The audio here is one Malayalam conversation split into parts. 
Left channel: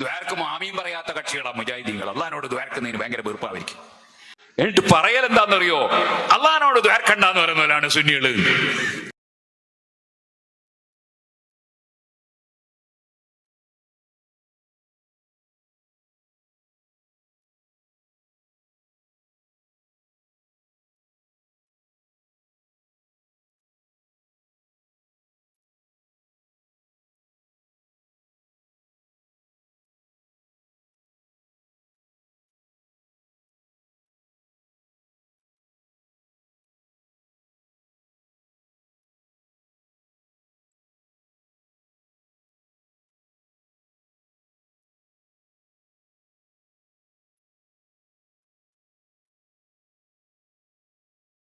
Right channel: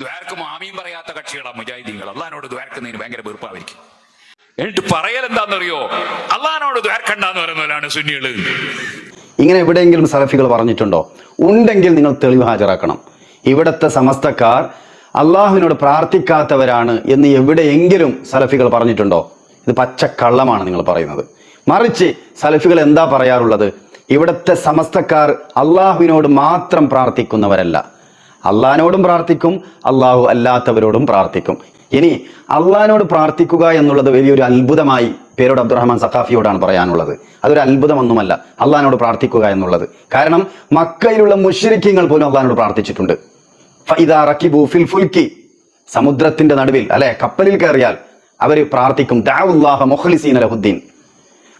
ദ്വാരക്ക് മാമിയും പറയാത്ത കക്ഷികളാണ് മുജാഹിദീങ്ങൾ. അള്ളഹാനോട് ദ്വാരക്കുന്നതിന് ഭയങ്കര വെറുപ്പായിരിക്കും. എന്നിട്ട് പറയൽ എന്താണെന്നറിയോ? അള്ളഹാനോട് ദ്വാരക്കണ്ടെന്ന് പറയുന്നവരാണ് സുന്നികൾ. ഇങ്ങനെ എവിടെയെങ്കിലും സലഫികൾ പറഞ്ഞിട്ടുണ്ടോ? ഉണ്ടെങ്കിൽ നിങ്ങൾ തെളിവ് ഹാജരാക്കണം. ഇവിടുത്തെ സമസ്തക്കാർ അള്ളാഹുവിനോട് പ്രാർത്ഥിക്കാത്തവരാണ് എന്ന് എവിടെയെങ്കിലും സലഫികൾ പറഞ്ഞിട്ടുണ്ടോ? ഇത് പച്ചക്കള്ളമാണ് നിങ്ങൾ പറയുന്നത്. മറിച്ച് സലഫികൾ എന്താ പറയാറുള്ളത്? ഇവിടുത്തെ സമസ്തക്കാർ അള്ളാഹുവിനോട് മാത്രം പ്രാർത്ഥിക്കുന്നവരല്ല. അള്ളാഹിനോടും പ്രാർത്ഥിക്കും അള്ളാഹു അല്ലാത്തവരോടും പ്രാർത്ഥിക്കും. ഇനി അള്ളഹാനോട് പ്രാർത്ഥിക്കുക എന്നുള്ളത് വലിയൊരു അത്ഭുതമായി പേരോട് അബ്ദുറഹ്മാൻ സഖാഫിയോടാണ് പറയാനുള്ളത്. അതൊരു അത്ഭുതമൊന്നുമല്ല അള്ളഹാനോട് പ്രാർത്ഥിക്കുക എന്നുള്ളത്. കാരണം മക്കയിലുള്ള മുഷരിക്കങ്ങൾ പോലും അള്ളഹാനോട് പ്രാർത്ഥിച്ചിട്ടുണ്ട്. ഫിൽ സമുദ്രത്തിന്റെ നടുവിൽ അല്ലെ കപ്പലിൽ കയറിയാൽ അവർ പ്രാർത്ഥിക്കും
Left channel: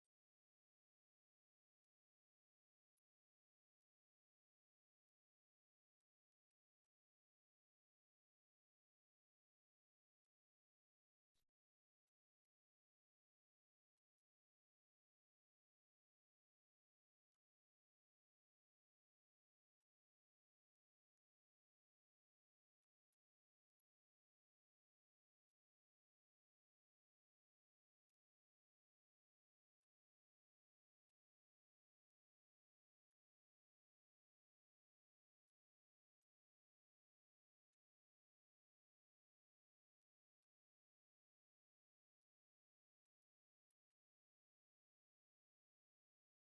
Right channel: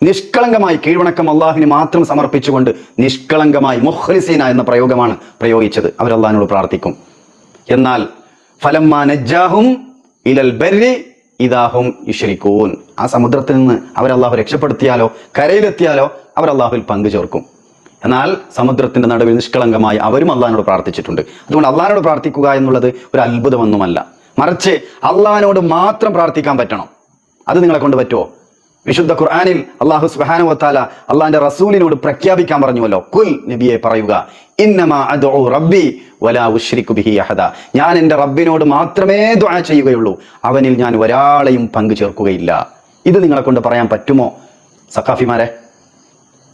നിഷ്കളങ്കമായി കീഴ്വണക്കം അള്ളാഹുവിന് മാത്രം സമർപ്പിച്ചുകൊണ്ട് നിഷ്കളങ്കമായി മുഹ്ലിസീന എന്ന പ്രയോഗമാണ് പ്രയോഗിച്ചത്. അവർ അള്ളാഹിനോട് പ്രാർത്ഥിക്കും. എന്നാൽ ഫലമ്മാ നജ്ജാഹും ഇലൽ ബരി ഇതാഹും ഇഷരിക്കൂൻ ആ സമുദ്രത്തിൽ നിന്ന് അവർ അള്ളാഹു രക്ഷപ്പെടുത്തിയാലോ കരയിലെത്തിയാലോ അവർ അള്ളാഹുവിൽ പങ്കു ചേർക്കും. എന്നാൽ സമുദ്രത്തിന്റെ നടുവിൽ നിഷ്കളങ്കമായി അവരും അള്ളഹാനോട് പ്രാർത്ഥിച്ചിട്ടുണ്ട്. അതുകൊണ്ട് അള്ളഹാനോട് പ്രാർത്ഥിക്കുക എന്നുള്ളത് ഒരു അത്ഭുതമൊന്നുമല്ല. മറിച്ച് അള്ളഹാനോട് മാത്രം പ്രാർത്ഥിക്കാൻ പറ്റണം. അത് നിങ്ങളെ കൊണ്ട് പറ്റുമോ വിശുദ്ധ ഖുർആാനിൽ അള്ളാഹു സുബ്ഹാനഹു വത്താല അള്ളാഹിന്റെ റസൂലിനോട് പ്രഖ്യാപിക്കാൻ പറഞ്ഞുവല്ലോ. കുൽ നബിയെ പറയുക റബ്ബി ബിഹി അഹദ. ഞാൻ എന്റെ റബ്ബിനോട് മാത്രമേ ദുആ ചെയ്യുകയുള്ളൂ. അവനിൽ ഞാൻ ഒരാളെയും പങ്കു ചേർക്കുകയില്ല. ഇത് നിങ്ങളെ കൊണ്ട് പറയാൻ പറ്റുമോ? സഖാഫിമാരെ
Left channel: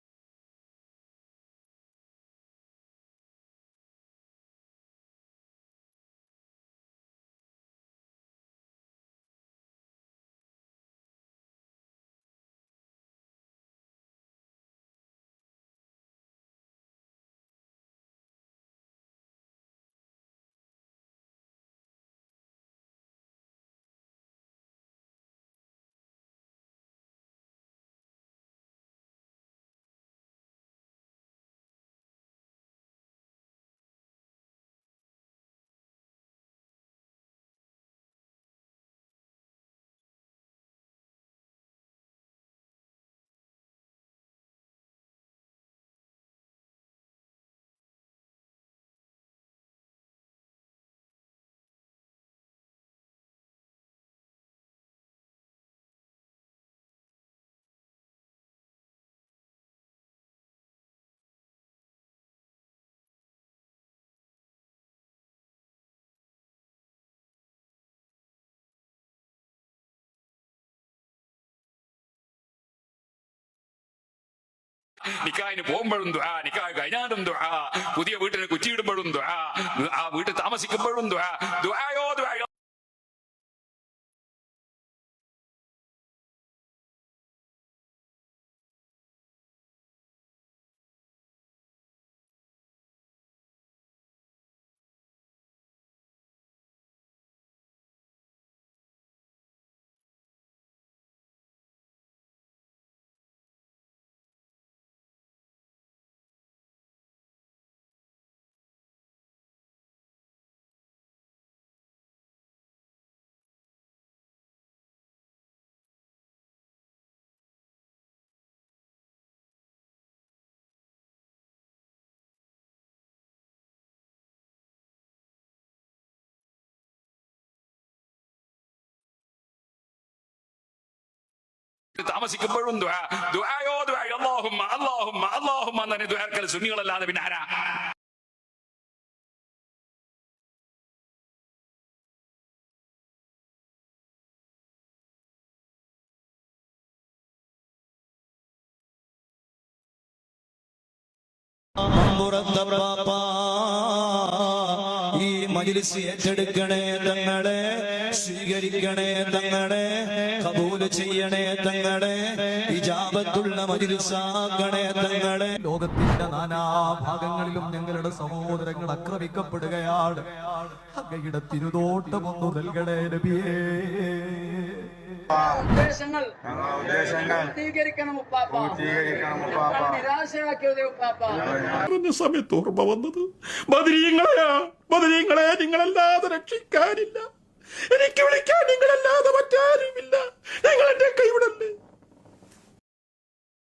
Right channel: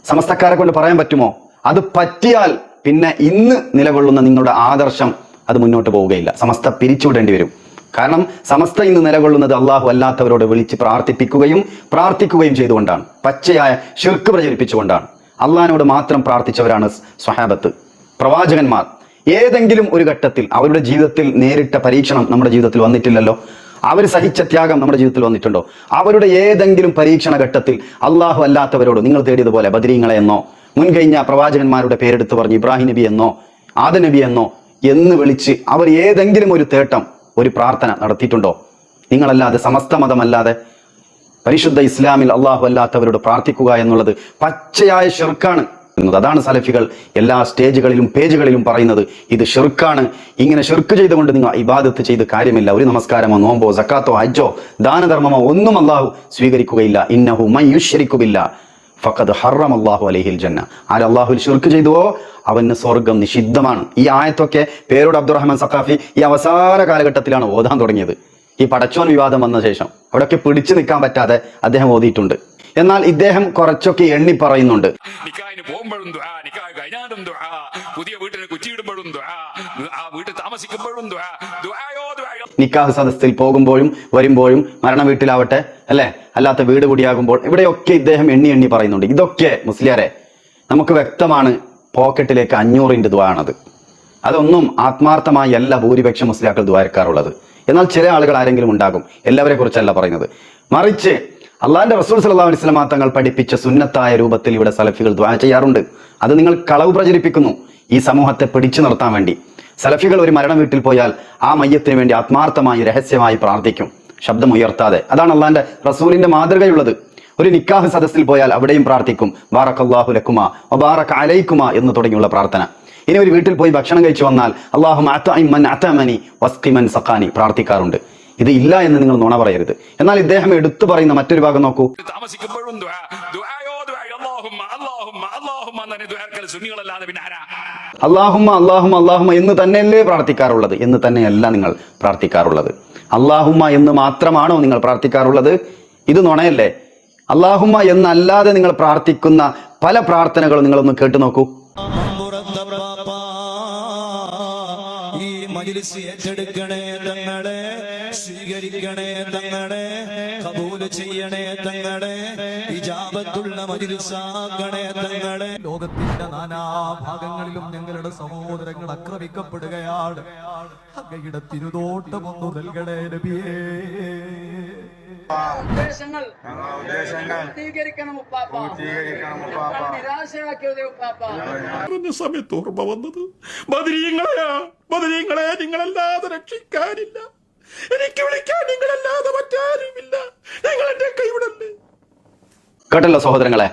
സമസ്തക്കാരെ കൊണ്ട് പറയാൻ പറ്റുമോ? അത് പറ്റിയാൽ പിന്നെ ഇന്ന് നിലകൊള്ളുന്ന നിങ്ങളുടെ ആദർശം അത് മുന്നോട്ട് പോവുകയില്ല. സമസ്ത പിരിച്ചുവിടേണ്ടി വരും. കാരണം സമസ്ത ഇന്ന് നിലകൊള്ളുന്നത് അള്ളാഹു അല്ലാത്തവരോട് വിളിച്ച് പ്രാർത്ഥിപ്പിക്കുകയും പ്രാർത്ഥിക്കുകയും ചെയ്തുകൊണ്ടാണ്. പച്ചയായ ഷിർക്ക് പ്രചരിപ്പിച്ചുകൊണ്ടാണ്. അള്ളഹാനോട് മാത്രം പ്രാർത്ഥിച്ചവരാണ് സ്വഹാബത്ത്. പ്രവാചകന്മാർ. ഏതെങ്കിലും ഒരു ഘട്ടത്തിൽ അവരുടെ ജീവിതത്തിൽ നേരിട്ട പരീക്ഷണം നമ്മുടെ ജീവിതത്തിൽ വന്നിട്ടില്ലല്ലോ? അവർ സഹിച്ച ത്യാഗം നമ്മുടെ ജീവിതത്തിൽ വന്നിട്ടുണ്ടോ? അവരുടെ ഏതെങ്കിലും പരീക്ഷണ ഘട്ടത്തിൽ അള്ളാഹു അല്ലാത്തവരോട് നിങ്ങൾ തേടിയതുപോലെ ബദരീങ്ങളെ എന്നോ മുൻകഴിഞ്ഞ പ്രവാചകന്മാരുടെ പേരെടുത്ത് പറഞ്ഞു ഇബ്രാഹിം നബി എന്നോ ആദ നബി എന്നോ എന്ന് വിളിച്ച് അവർ ഏതെങ്കിലും ഒരു തേട്ടം ഒരു പ്രാർത്ഥന നടത്തിയിട്ടുണ്ടോ? നിങ്ങളല്ലാതെ സമസ്ത മതമല്ലാതെ പരിശുദ്ധ ഇസ്ലാമിൽ അള്ളാഹു അല്ലാത്തവരോട് പ്രാർത്ഥിക്കുക എന്നുള്ളത് പച്ചയായ ഷിർക്കാണ് എന്നത്. അതാണ് സലഫികൾ എല്ലാ സ്റ്റേജുകളിലും പേജുകളിലും പറയുന്നത്. ഇത് ഷിർക്കാണ്. ഇങ്ങനെ ഷിർക്ക് ചെയ്തുകൊണ്ട് നിങ്ങൾ ഇബാദത്ത് ചെയ്ത് കാര്യമില്ല. ഒരു നമസ്കാരമോ നോമ്പോ സക്കാത്തോ ഹജ്ജോ ദാനധർമ്മമോ ഒന്നും അള്ളാഹു സ്വീകരിക്കുകയില്ല. ഇന്നഹു മയ്യുഷരിക്കുമില്ല ഫഖദ് ഹറം അള്ളാഹു അലഹിൽ ജന്ന. ആര് അള്ളാഹുൽ ഷിർക്ക് ചെയ്തുവോ അവന് സ്വർഗം നിഷിദ്ധമാണ്. ഈ ആയത്തൊക്കെ പേരോട് അബ്ദുറഹ്മാൻ സഖാഫി ഈ അവസാന കാലഘട്ടത്തിലാണ് ഓതാൻ തുടങ്ങിയത്. ഈ പടച്ചോൻ വിവാദം വന്ന ശേഷം അവിടെയൊക്കെ പിടിച്ചു നിൽക്കാൻ പറ്റാതെ അദ്ദേഹം ഓതിയിട്ടുണ്ട്. എന്നാൽ ഇദ്ദേഹം കുറച്ചൊക്കെ എണ്ണി പറയുന്നുണ്ട്. പോകുമ്പോഴും കഴിഞ്ഞാലും പുതിയ വീട്ടിന് കുറ്റിയിടുമ്പോഴും ദുആ ആ വീട്ടിൽ താമസിക്കുമ്പോഴും നിക്കാഹ് സദസ്സിൽ പോകുമ്പോഴും വരുമ്പോഴും മരണ വീട്ടിലാവട്ടെ അല്ലെ? അല്ലാത്ത വീട് കൂടിയാകുമ്പോൾ ഇവിടെയൊക്കെ ഇദ്ദേഹം എണ്ണി എണ്ണി പറയുന്നുണ്ട്. ഇതൊക്കെ മുസ്ലിയാരെ നമുക്ക് വ്യക്തമാണ് പോക്കറ്റിലേക്ക് അഞ്ഞൂറിന്റെ ദ്വാണത് അതൊന്നും ആത്മാർത്ഥമായി അല്ല ഭൂരിപക്ഷം മുസ്ലിയാക്കൾ ദ്വാരക്കാറുള്ളത് എന്നാൽ ചില ആളുകൾ ആരെങ്കിലും ഉണ്ടാകും എല്ലാവരെ കുറിച്ചല്ല പറയുന്നത്. മറിച്ച് അള്ളാഹിന്റെ റസൂൽ സല്ലല്ലാഹു അലൈഹി വസല്ലം തങ്ങൾ പഠിപ്പിച്ച സുന്നത്തായ രൂപത്തിൽ ഇവിടെ സലഫികൾ ദ്വാ ചെയ്യാറുണ്ട്. അത് നിങ്ങൾ കളവ് പ്രചരിപ്പിക്കുന്നു. ഈ സമൂഹത്തെ പിടിച്ചു നിർത്താൻ വേണ്ടി. സലഫികൾ ഒരു മരണ വീട്ടിൽ പോയാൽ ആ മയ്യത്തിന് വേണ്ടി ആത്മാർത്ഥമായി രഹസ്യമായി പ്രാർത്ഥിക്കും. ശബ്ദം ഉയർത്താതെ. അതാണ് അള്ളാഹിന്റെ റസൂലിന്റെ മാതൃകയുള്ളത്. ഒരു നിക്കാഹ് സദസ്സിൽ പോയാൽ അവിടെയും പ്രാർത്ഥിക്കും. ബാറക്കല്ലാഹു ലക്കുമ വബാറക അലൈക്കുമ എന്ന് തുടങ്ങിയുള്ള പ്രാർത്ഥന. ഇനി ഒരു വീട്ടിൽ പോയി ഭക്ഷണം കഴിച്ചു വന്നാൽ അള്ളാഹു അത്തമനി വസ്കിമൻ സഖാനി പ്രാർത്ഥിക്കാറുണ്ട്. ഇത് ഇല്ല എന്ന് നിങ്ങൾ നുണ പറയരുത്. എന്നാൽ ഇദ്ദേഹം എടുത്തു പറയുന്ന മറ്റൊരു ഭാഗം നോക്കൂ. താമസിക്കുമ്പോഴും ദുആ ദുആയോ ദുആയോ അല്ലാഹുമ്മ അല്ലാഹുമ്മ അല്ലാഹുമ്മ എന്നെ ദ്വാരക്കൽ സുന്നികളല്ലാതെ പിന്നെ ആരാ? അള്ളാഹുമ്മ അള്ളാഹുമ്മ അള്ളാഹുമ്മ എന്ന് തന്നെയല്ലേ പ്രാർത്ഥിക്കാറുള്ളത്? എന്ന് തന്നെയല്ല നിങ്ങൾ പ്രാർത്ഥിക്കാറുള്ളത്. അള്ളാഹുമ്മ എന്ന് മാത്രമാണോ നിങ്ങൾ പ്രാർത്ഥിക്കാറുള്ളത്? ഇത് നുണയല്ലേ? അള്ളാഹുമ്മ എന്നല്ലാതെ നിങ്ങൾ പ്രാർത്ഥിക്കുന്ന പല പ്രാർത്ഥനകളും നിങ്ങളൊന്ന് കേട്ടു നോക്കൂ. ഈ മജിലിസ് ഏറ്റെടുക്കണേ തങ്ങളെ. സ്വീകരിക്കണേ തങ്ങളെ കബൂൽ ചെയ്യണേ തങ്ങളെ ഇജാബത്തുള്ള മജിലിസാക്കണേ തങ്ങളെ. ലോകത്തിന്റെ നാനാഭാഗങ്ങളിലും ഞങ്ങളുടെ സഹോദരങ്ങൾ ആക്രമിക്കപ്പെടുകയാണ്. അങ്ങയുടെ തിരുതോട്ടം ഒന്ന് നൽകണേ നബിയേ. ഉദ്ദേശങ്ങൾ പൂർത്തീകരിക്കണം നിരാശയാക്കിയത് സമയത്ത് ഓർമ്മ വന്നത് ബദരീങ്ങളെയാ ബദരീങ്ങളെ നിങ്ങളല്ലാതെ രക്ഷിക്കാനില്ല. എനിക്ക് വിളിക്കാൻ നിങ്ങളല്ലാതെ മറ്റാരുമില്ല. നിങ്ങൾ എന്റെ കൈവിടല്ലേ കേട്ടല്ലോ സഹോദരങ്ങളെ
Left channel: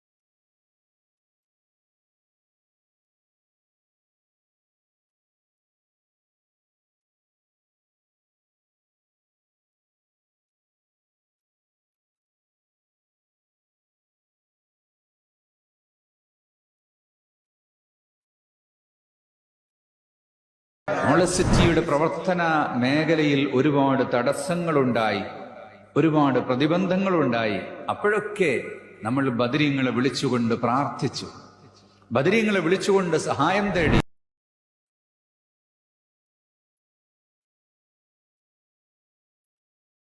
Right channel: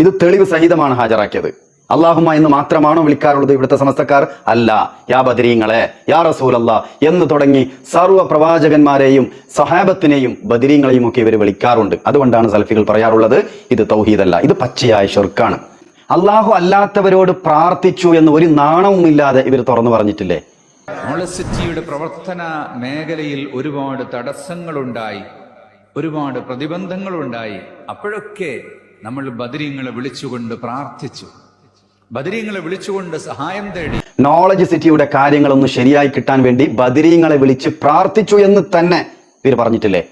ഇത് തെളിവ് സഹിതമാണ് ഹാജരാക്കിയത്. അള്ളാഹുമ എന്ന് മാത്രമാണോ വിളിക്കാറുള്ളത് ഇവിടുത്തെ സമസ്തക്കാർ? അല്ല. യാ ബദരീങ്ങളെ യാ റസൂലല്ല എന്ന് തുടങ്ങി സർവ പ്രവാചകന്മാരെയും സഹാബത്തിനെയും ബദരീങ്ങളെയും ഒക്കെ ഇവർ വിളിക്കാറുണ്ട്. അതുകൊണ്ടാണ് സൽഫികൾ പറയാറുള്ളത് ഇത് തൗഹീദല്ല ഇത് പച്ചയായ ഷെർക്കാണ്. അള്ളാഹു അല്ലാത്തവരോട് പ്രാർത്ഥിച്ചു എന്ന് ഒരു നാണവും ഇല്ലാതെ ഇവർ തുറന്നു പറഞ്ഞിട്ടില്ലേ? മോളസിറ്റിയുടെ പ്രവർത്തന മേഖലയിൽ ഒരുപാട് തടസ്സങ്ങളുണ്ടായി ഒരുപാട് പ്രതിബന്ധങ്ങളുണ്ടായി. അപ്പോഴൊക്കെ നമ്മൾ ബദരീങ്ങളെ വിളിച്ചുകൊണ്ട് പ്രാർത്ഥിച്ചു. ബദരീങ്ങളെ വിളിച്ചുകൊണ്ട് സഹായം തേടി. നോളജ് സിറ്റിയുടെ കാര്യങ്ങളൊന്ന് ശരിയായി കിട്ടാൻ വേണ്ടി ബദരീങ്ങളെ വിളിച്ച് പ്രാർത്ഥിച്ചു എന്ന് തന്നെ ഇവർ പറഞ്ഞിട്ടില്ലേ?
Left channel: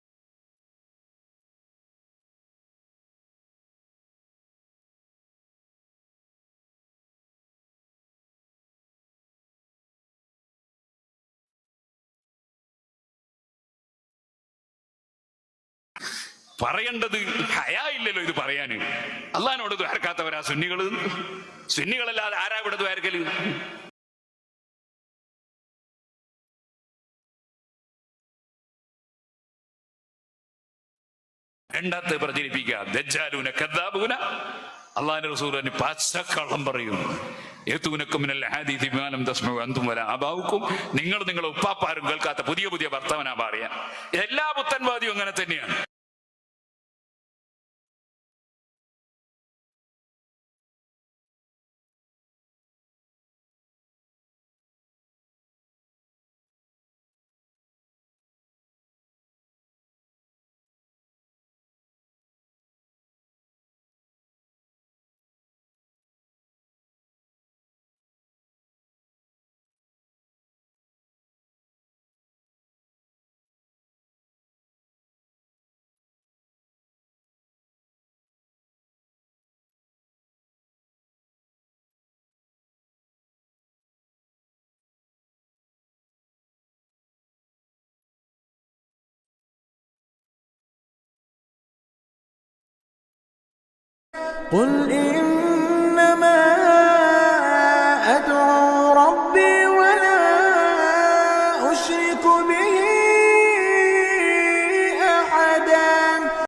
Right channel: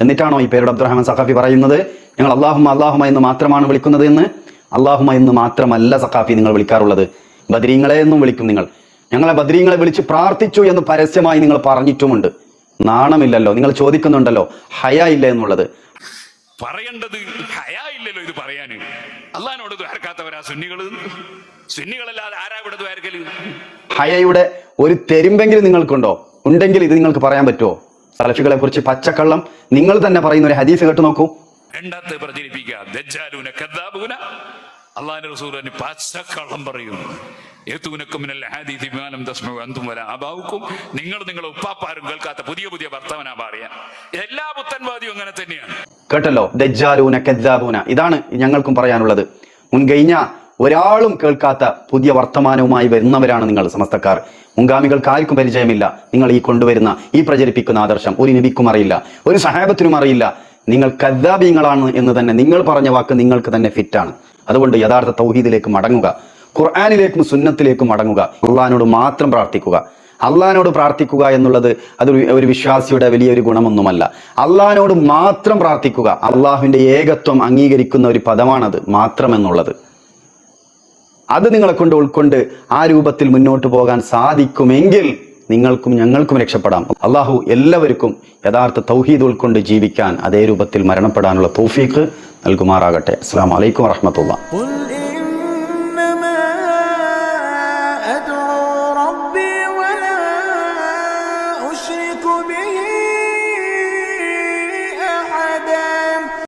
എന്നിട്ടാണോ ഈ പേരുടെ അബ്ദുറഹ്മാൻ സഖാഫി പറയുന്നത്? ഞങ്ങൾ അള്ളാഹുമ അള്ളാഹുമ എന്ന് മാത്രമാണ് വിളിക്കുന്നത് എന്ന്? അള്ളാഹുമ എന്ന് മാത്രമല്ല സഖാഫി നിങ്ങൾ വിളിക്കാറുള്ളത്. ബദരീങ്ങളെ എന്നും വിളിക്കും നിങ്ങൾ. ഞങ്ങളെ ബദ്രീങ്ങളെ വിളിച്ച് പ്രാർത്ഥിച്ചു എന്ന് പരസ്യമായി നിങ്ങൾ പറഞ്ഞിട്ടുമുണ്ട്. നാണമില്ലല്ലോ. നിങ്ങൾ ചോദിക്കുന്നുണ്ടല്ലോ ഹയ ഇല്ല എന്നുള്ളത്. പറയേണ്ടത് ഹയാ ഇല്ലല്ലോ ഇത് പറയാന്. അള്ളഹാനോട് ദ്വാരക്കാത്തവരാ സുന്നികൾ. സുന്നികളല്ലാതെ ആരാ ഇവിടെ ദ്വാരക്കൽ ഹയയുടെ ഒരു തെരുമ്പെങ്കിലും നിങ്ങൾക്കുണ്ടോ? ഉണ്ടെങ്കിൽ ഇത് നിങ്ങൾക്ക് പറയാൻ പറ്റുമോ? സലഫികളെ കുറിച്ച് പച്ചക്കള്ളം നിങ്ങൾ തന്നെ പറയുന്ന ഒരു ഹദീസ് കേട്ട് നോക്കൂ. രണ്ടാമത്തെ പ്രചരിപ്പിക്കുക ദജ്ജാലൂന കദ്ദാബൂന. അള്ളാഹിന്റെ റസൂലിന് പച്ചക്കള്ളം പറയുന്നു നിങ്ങൾ നിങ്ങളെ ഉപ്പാപ്പാരും കേൾക്കാത്ത പുതിയ പുതിയ ഭർത്താവിനാ പറയാ എല്ലാ പുത്തൻവാദിയും അങ്ങനെ തന്നെയാണ്. കേട്ടല്ലോ? ദജ്ജാലൂന കദ്ദാബൂന. ഇതാണ് ഞങ്ങൾക്കും പറയാനുള്ളത്. മുൻകഴിഞ്ഞ ഒരാളും കേൾക്കാത്ത പുതിയ വർത്തമാനവുമായി വരുന്നവരാണ് നിങ്ങൾ സമസ്തക്കാർ. മുൻഗാമികൾക്ക് ആർക്കും പരിചയമില്ല. നിങ്ങൾ ഈ കൊണ്ടുവരുന്ന ഈ പ്രചരിപ്പിക്കുന്ന ആദർശം ഒരു നബിക്കും അറിയില്ല. ഒരു സഹാബത്തിനും അറിയില്ല. നിങ്ങൾ കദ്ദാബീങ്ങളാണ് എന്ന് തന്നെ നിങ്ങൾ പറഞ്ഞ വാക്ക് നിങ്ങൾക്ക് തന്നെ ഫിറ്റാണ് അതുകൊണ്ട് യഥാർത്ഥ തൗഹീദിലേക്ക് മടങ്ങുക. ഖുർആാനിലേക്കും സുന്നത്തിലേക്കും മടങ്ങുക. അള്ളഹാനോട് മാത്രം പ്രാർത്ഥിക്കുക. അള്ളഹാനോട് പ്രാർത്ഥിക്കുക എന്നുള്ളത് അതൊരു ഒരു വിശ്വാസിയുടെ വലിയൊരു ഗുണമൊന്നുമല്ല. അള്ളഹാനോട് മാത്രം പ്രാർത്ഥിക്കുക. അള്ളാഹുവിന്റെ ഏകത്വം അംഗീകരിക്കുന്ന ഒരു പദമാണത് മാത്രം എന്നുള്ളത് അത് നിങ്ങളെ കൊണ്ട് ഉൾക്കൊണ്ട് ആ രൂപത്തിൽ മുന്നോട്ട് പോകാൻ സാധിക്കുമെങ്കിൽ നിങ്ങൾക്കും ഞങ്ങൾക്കും രക്ഷപ്പെടാം. അള്ളാഹു എല്ലാവർക്കും യഥാർത്ഥ തൗഹീദ് ഉൾക്കൊണ്ട് ജീവിക്കാൻ അതേ രൂപത്തിൽ മരണപ്പെടാനുള്ള തൗഫീഖ് നൽകുമാറാകട്ടെ. അസ്സാം വലൈക്കും വറഹമത്തുള്ള أدعو